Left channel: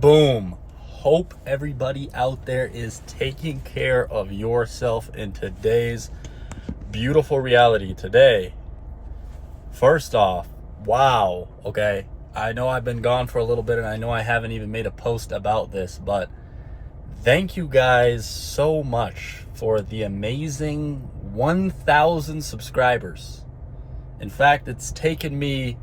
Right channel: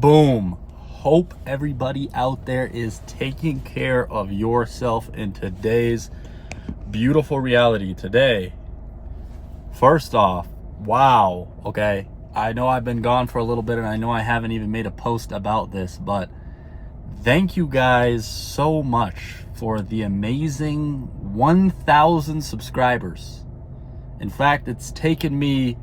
Boom. Hope everybody out there is taking care of yourself in today's beautiful reality. Today, first off, wow, okay, I know I've been gone for a little bit and I know I haven't even made a post about this, but thank you guys so much for the amazing 1,000 subscribers. In fact, it's taken me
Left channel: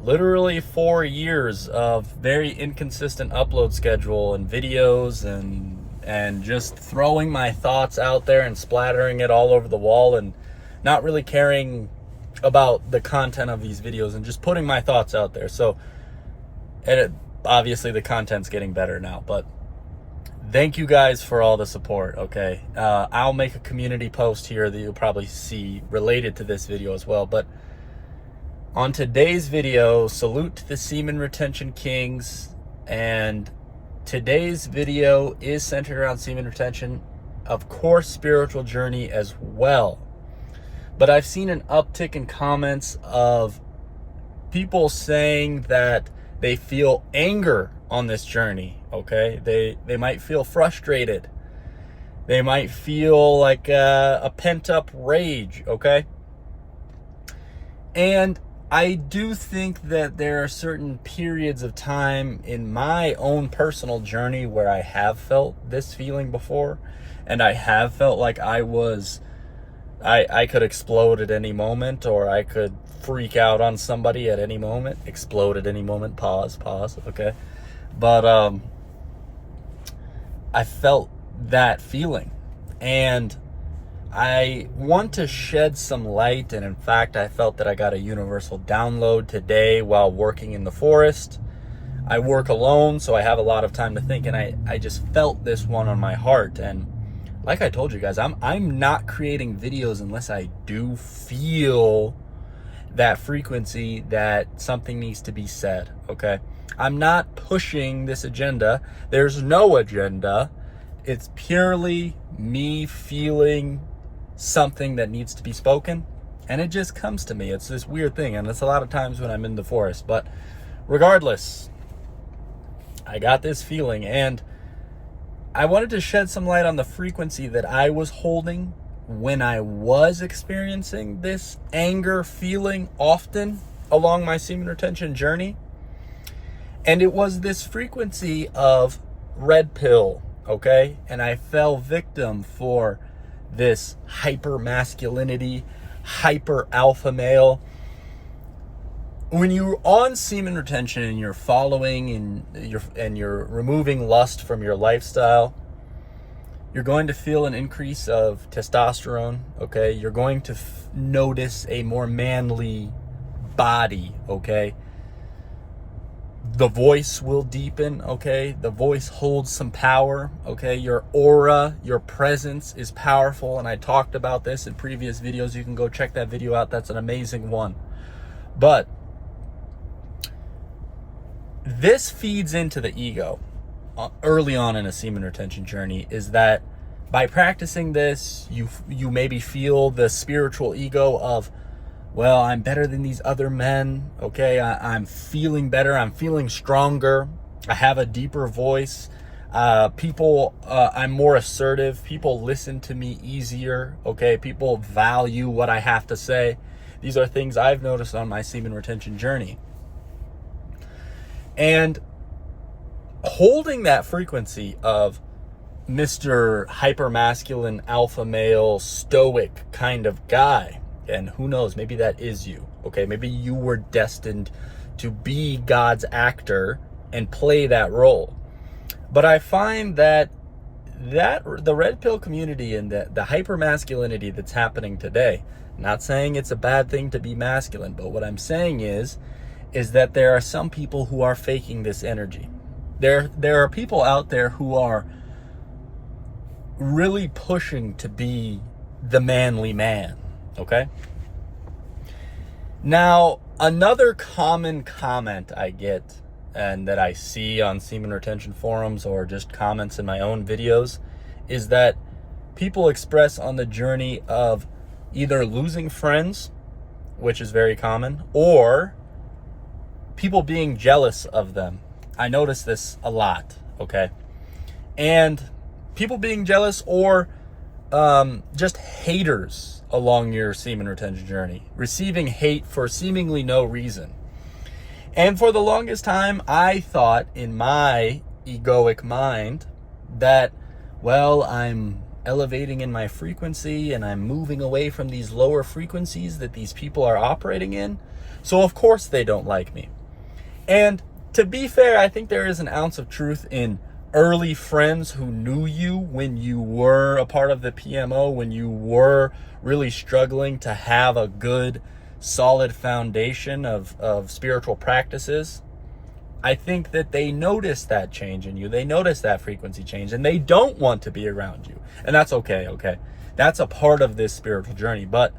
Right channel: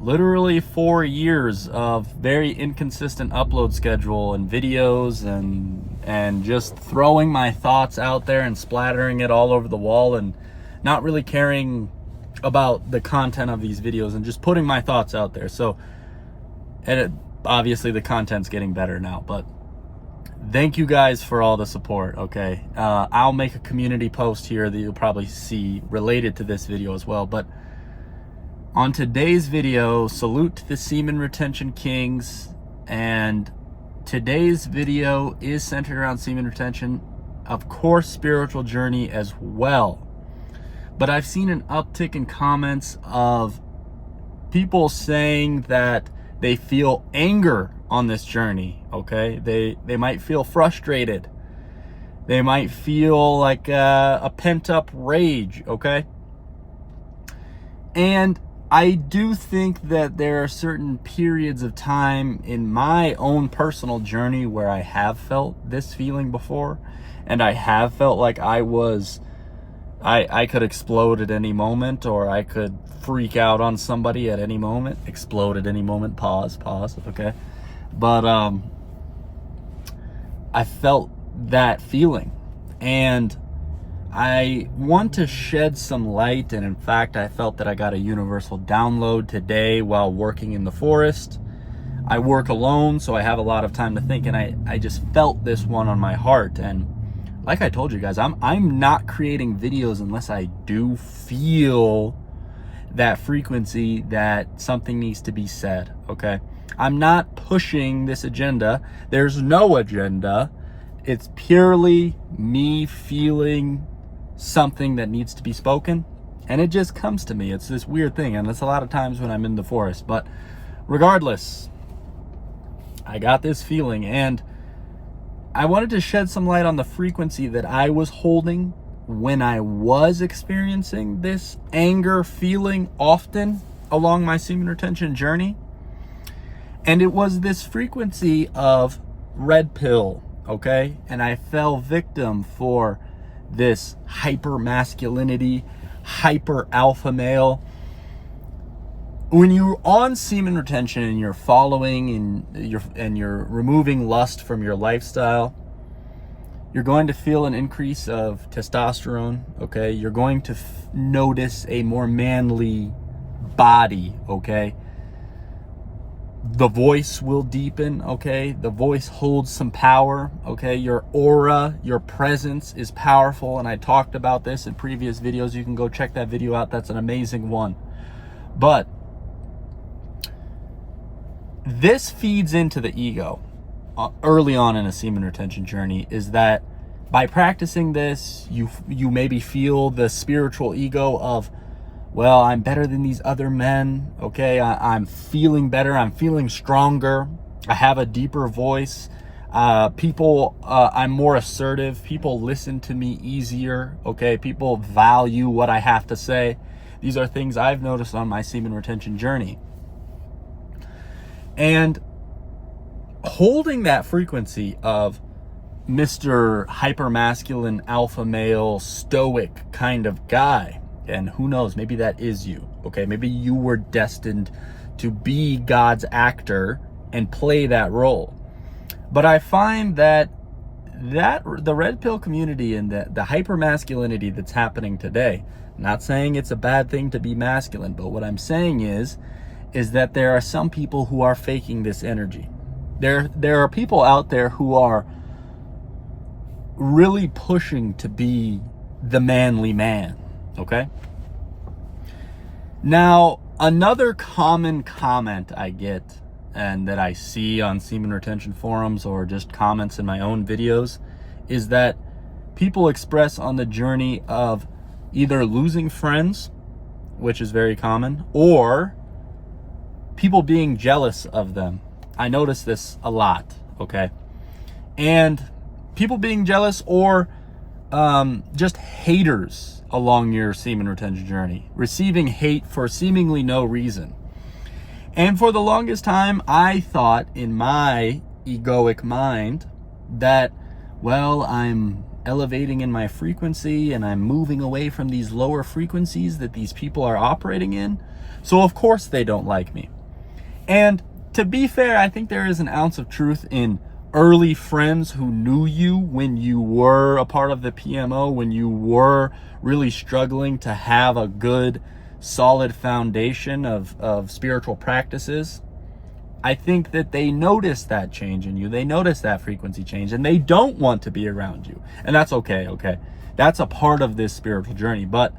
literally 4 years of very inconsistent upload schedule and videos and just throwing my thoughts out there and splattering it all over the wall and not really caring about the content of these videos and just putting my thoughts out there. So, obviously the content's getting better now, but thank you guys for all the support. Okay, I'll make a community post here that you'll probably see related to this video as well, but on today's video, salute to the semen retention kings, and today's video is centered around semen retention, of course spiritual journey as well. But I've seen an uptick in comments of people saying that they feel anger on this journey, okay? They might feel frustrated. They might feel like a pent-up rage, okay? And I do think that there are certain periods of time in my own personal journey where I have felt this feeling before, and I have felt like I could explode at any moment, or I could freak out on somebody at any moment. Explode at any moment, pause, okay? But I felt that feeling, and I want to shed some light, and in fact, I felt that I got a universal download today while working in the forest. I work alone, so I have a lot of time to think, and I just felt this one on my heart. And like I told you guys, I'm not creating videos unless I do feel that frequency that something needs to be said, okay? I'm not pushing this agenda. There's no agenda. It's purely me feeling something that needs to be spoken, and it just comes to me. It's this weird thing, and it's a lot of times when I'm in the forest. But regardless, I got this feeling, and I wanted to shed some light on the frequency that I was holding when I was experiencing this anger feeling often along my semen retention journey. And it was this frequency of red pill, okay? And I fell victim for this hyper masculinity, hyper alpha male. When you're on semen retention and you're following and you're removing lust from your lifestyle, you're going to feel an increase of testosterone, okay? You're going to notice a more manly body, okay? The voice will deepen, okay? The voice holds some power, okay? Your aura, your presence is powerful, and I talked about this in previous videos. You can go check that video out. That's an amazing one. But this feeds into the ego early on in a semen retention journey, is that by practicing this, you maybe feel the spiritual ego of, well, I'm better than these other men, okay? I'm feeling better, I'm feeling stronger, I have a deeper voice, I'm more assertive, people listen to me easier, okay? People value what I have to say. These are things I've noticed on my semen retention journey. And holding that frequency of Mr. Hypermasculine, alpha male, stoic kind of guy, and who knows, maybe that is you, okay? Maybe you were destined to be God's actor and play that role. But I find that the red pill community and the hypermasculinity that's happening today, not saying it's a bad thing to be masculine, but what I'm saying is that there are some people who are faking this energy. There are people out there who are really pushing to be the manly man, okay? Now, another common comment I get and that I see on semen retention forums or just comments in my own videos is that people express on the journey of either losing friends, which is very common, or people being jealous of them. I notice this a lot, okay? And people being jealous or just haters along your semen retention journey, receiving hate for seemingly no reason. And for the longest time, I thought in my egoic mind that, well, I'm elevating in my frequency and I'm moving away from these lower frequencies that these people are operating in. So of course they don't like me. And to be fair, I think there is an ounce of truth in early friends who knew you when you were a part of the PMO, when you were really struggling to have a good, solid foundation of spiritual practices. I think that they notice that change in you. They notice that frequency change and they don't want to be around you. And that's okay, okay? That's a part of this spiritual journey. But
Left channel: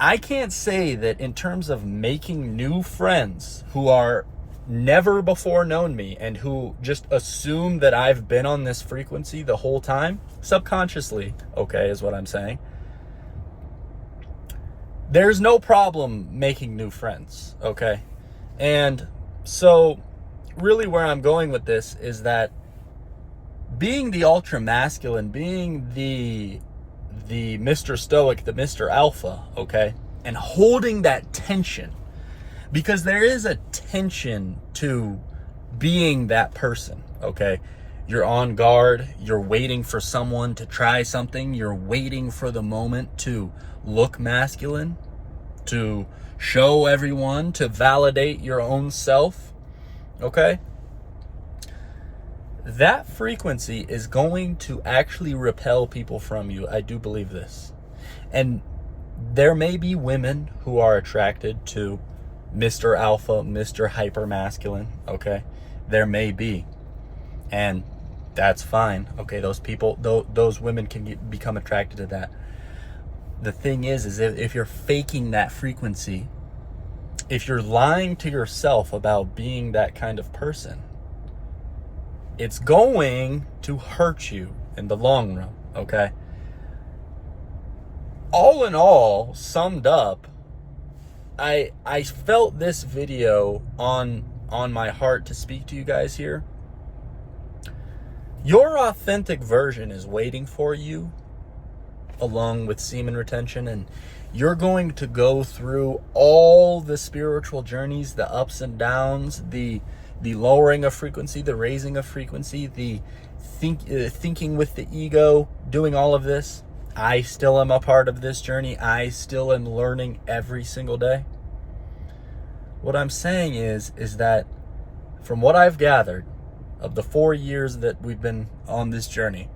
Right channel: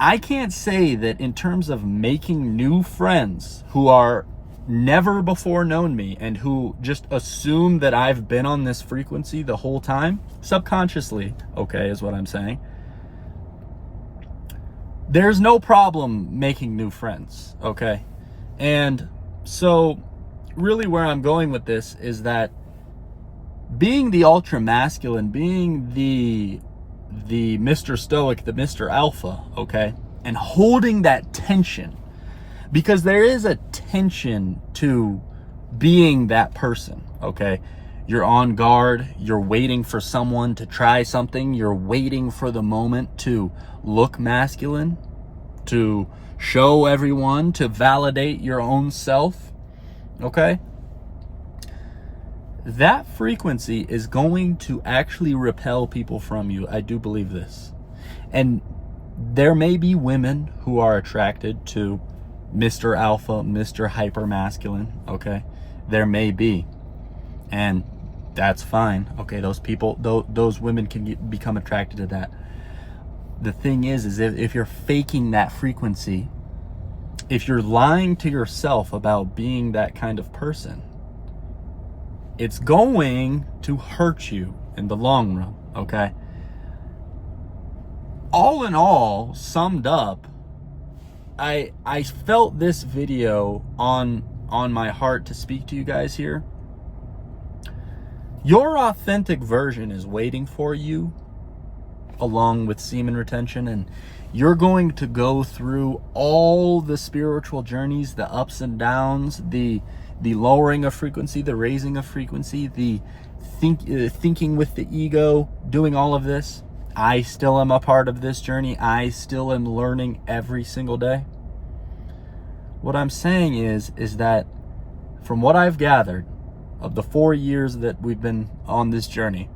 I can't say that in terms of making new friends who are never before known me and who just assume that I've been on this frequency the whole time, subconsciously, okay, is what I'm saying. There's no problem making new friends, okay? And so really where I'm going with this is that being the ultra masculine, being the Mr. Stoic, the Mr. Alpha, okay, and holding that tension, because there is a tension to being that person, okay? You're on guard, you're waiting for someone to try something, you're waiting for the moment to look masculine, to show everyone, to validate your own self, okay? That frequency is going to actually repel people from you. I do believe this. And there may be women who are attracted to Mr. Alpha, Mr. Hyper Masculine, okay? There may be. And that's fine, okay? Those people, those women can become attracted to that. The thing is if you're faking that frequency, if you're lying to yourself about being that kind of person, it's going to hurt you in the long run, okay? All in all, summed up, I felt this video on my heart to speak to you guys here. Your authentic version is waiting for you along with semen retention, and you're going to go through all the spiritual journeys, the ups and downs, the lowering of frequency, the raising of frequency, the thinking with the ego, doing all of this. I still am a part of this journey. I still am learning every single day. What I'm saying is that from what I've gathered of the 4 years that we've been on this journey,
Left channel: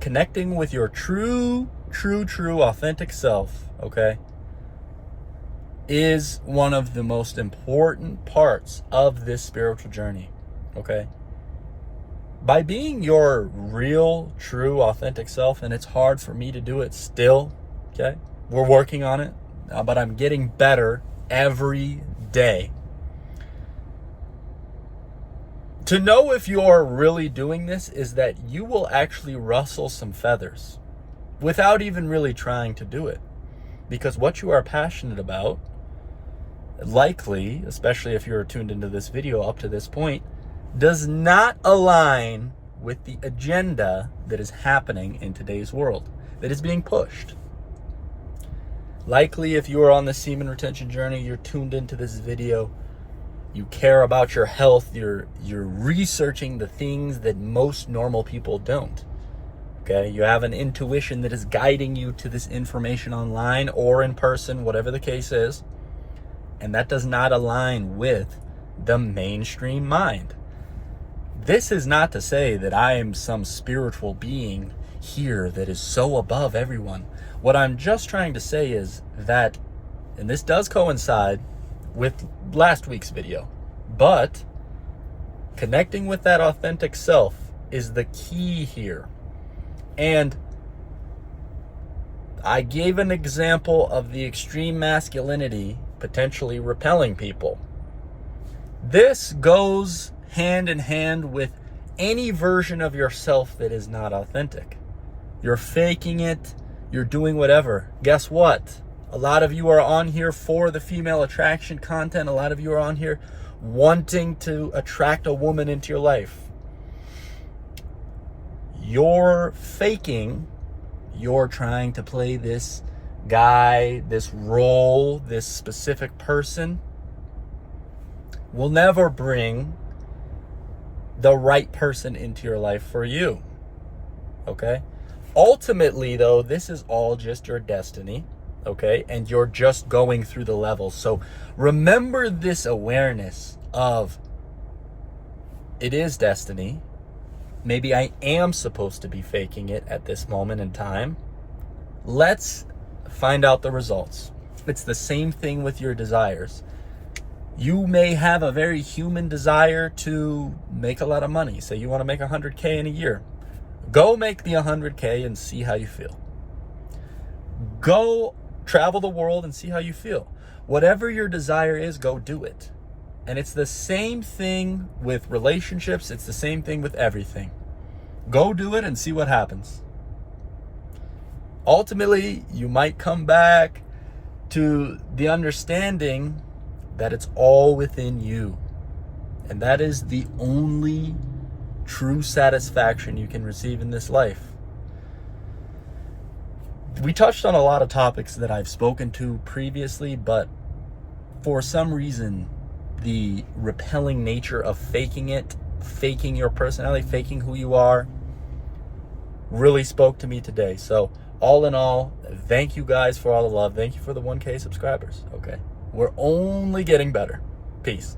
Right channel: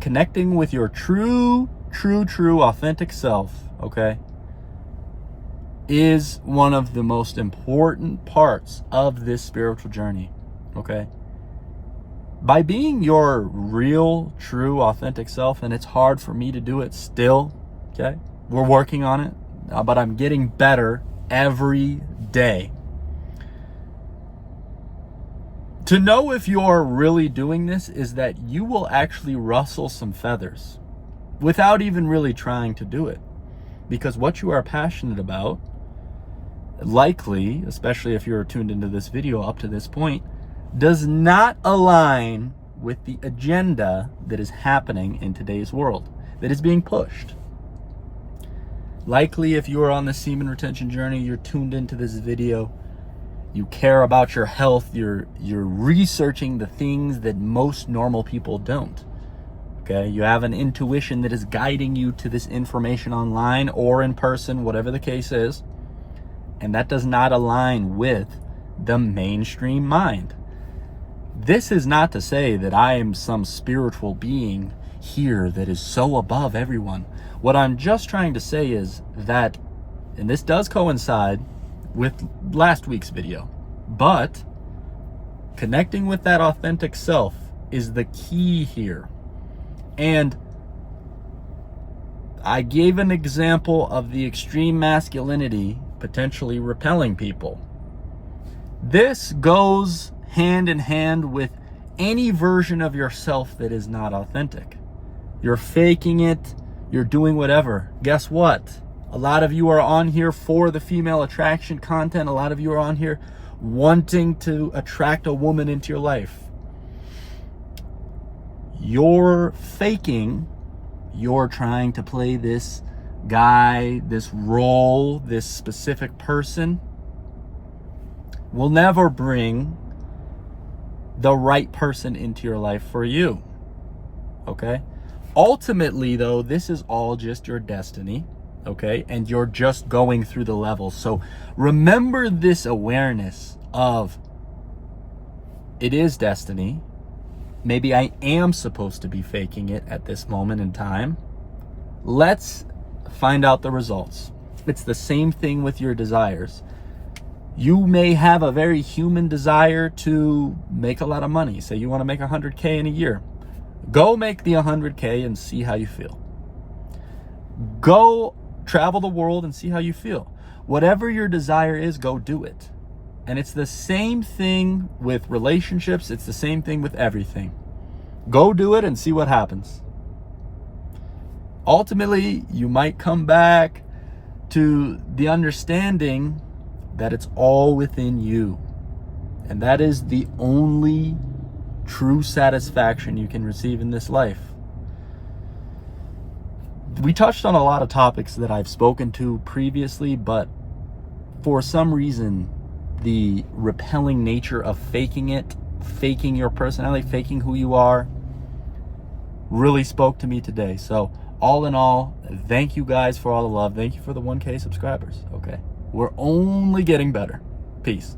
connecting with your true authentic self, okay, is one of the most important parts of this spiritual journey, okay? By being your real, true, authentic self, and it's hard for me to do it still, okay? We're working on it, but I'm getting better every day. To know if you're really doing this is that you will actually rustle some feathers without even really trying to do it. Because what you are passionate about, likely, especially if you're tuned into this video up to this point, does not align with the agenda that is happening in today's world, that is being pushed. Likely, if you are on the semen retention journey, you're tuned into this video, you care about your health, you're researching the things that most normal people don't. Okay, you have an intuition that is guiding you to this information online or in person, whatever the case is, and that does not align with the mainstream mind. This is not to say that I am some spiritual being here that is so above everyone. What I'm just trying to say is that, and this does coincide with last week's video, but connecting with that authentic self is the key here. And I gave an example of the extreme masculinity potentially repelling people. This goes hand in hand with any version of yourself that is not authentic. You're faking it, you're doing whatever. Guess what? A lot of you are on here for the female attraction content. A lot of you are on here wanting to attract a woman into your life. You're faking. You're trying to play this guy, this role, this specific person. Will never bring the right person into your life for you. Okay? Ultimately, though, this is all just your destiny. Okay? And you're just going through the levels. So remember this awareness of it is destiny. Maybe I am supposed to be faking it at this moment in time. Let's find out the results. It's the same thing with your desires. You may have a very human desire to make a lot of money. Say you want to make 100K in a year. Go make the 100K and see how you feel. Go travel the world and see how you feel. Whatever your desire is, go do it. And it's the same thing with relationships. It's the same thing with everything. Go do it and see what happens. Ultimately, you might come back to the understanding that it's all within you. And that is the only true satisfaction you can receive in this life. We touched on a lot of topics that I've spoken to previously, but for some reason, the repelling nature of faking it, faking your personality, faking who you are, really spoke to me today. So all in all, thank you guys for all the love. Thank you for the 1K subscribers. Okay. We're only getting better. Peace.